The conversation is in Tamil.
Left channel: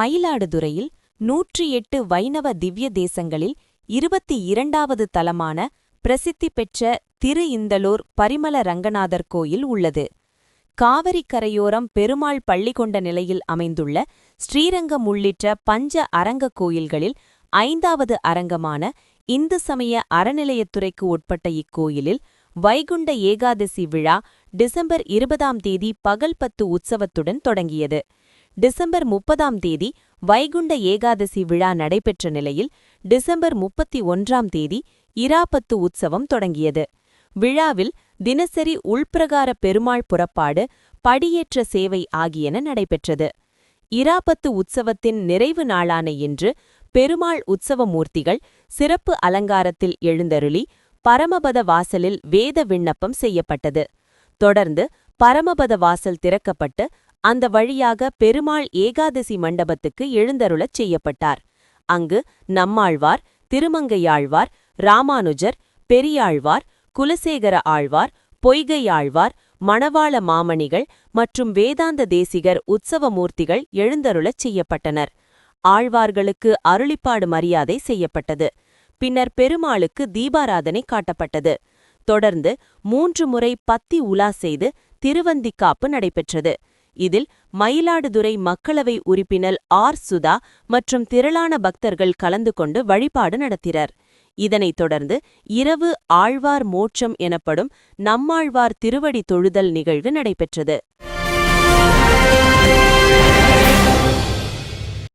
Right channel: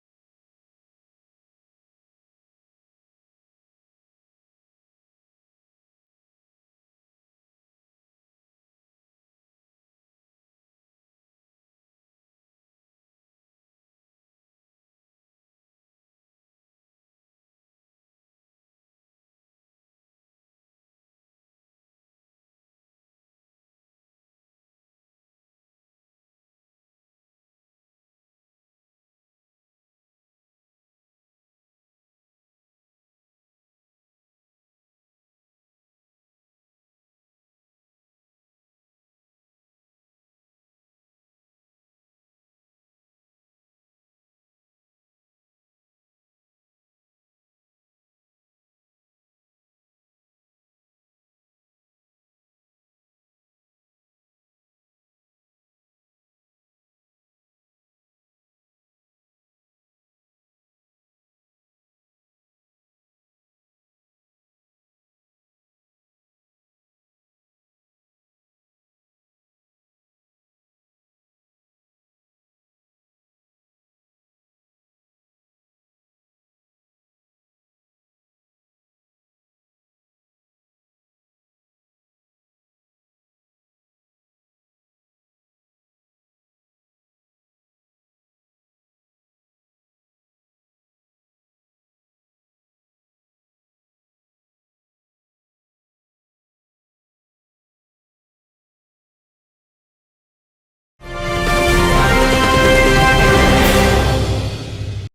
மயிலாடுதுறையில் 108 வைணவ திவ்ய தேசங்களில் 22வது தலமான பிரசித்தி பெற்ற திரு இந்தலூர் பரிமள ரங்கநாதர் கோயில் உள்ளது. காவிரி கரையோரம் பெருமாள் பள்ளி கொண்ட நிலையில் அமைந்துள்ள ஸ்ரீரங்கம் உள்ளிட்ட பஞ்ச அரங்க கோயில்களில் 5வது அரங்கமான இந்து சமய அறநிலையத்துறைக்கு உட்பட்ட இக்கோயிலில் வைகுண்ட ஏகாதசி விழா டிசம்பர் 20ஆம் தேதி பகல் 10 உற்சவத்துடன் தொடங்கியது. டிசம்பர் 30ஆம் தேதி வைகுண்ட ஏகாதசி விழா நடைபெற்ற நிலையில் டிசம்பர் 31ஆம் தேதி இராப்பத்து உற்சவம் தொடங்கியது. விழாவில் தினசரி உள்பிரகார பெருமாள் புறப்பாடு, படியேற்ற சேவை ஆகியன நடைபெற்றது. இராப்பத்து உற்சவத்தின் நிறைவு நாளான இன்று பெருமாள் உற்சவ மூர்த்திகள் சிறப்பு அலங்காரத்தில் எழுந்தருளி பரமபத வாசலில் வேத விண்ணப்பம் செய்யப்பட்டது. தொடர்ந்து பரமபத வாசல் திறக்கப்பட்டு அந்த வழியாக பெருமாள் ஏகாதசி மண்டபத்துக்கு எழுந்தருளச் செய்யப்பட்டார். அங்கு நம்மாழ்வார், திருமங்கையாழ்வார், ராமானுஜர், பெரியாழ்வார், குலசேகர ஆழ்வார், பொய்கை ஆழ்வார், மணவாள மாமணிகள் மற்றும் வேதாந்த தேசிகர் உற்சவ மூர்த்திகள் எழுந்தருளச் செய்யப்பட்டனர். ஆழ்வார்களுக்கு அருளிப்பாடு மரியாதை செய்யப்பட்டது. பின்னர் பெருமாளுக்கு தீபாராதனை காட்டப்பட்டது. தொடர்ந்து 3 முறை பத்தி உலா செய்து திருவந்திக்காப்பு நடைபெற்றது. இதில் மயிலாடுதுறை மக்களவை உறுப்பினர் சுதா மற்றும் திரளான பக்தர்கள் கலந்து கொண்டு வழிபாடு நடத்தினர். இதனைத் தொடர்ந்து இரவு ஆழ்வார் மோட்சம் எனப்படும் நம்மாழ்வார் திருவடி தொழுதல் நிகழ்வு நடைபெற்றது.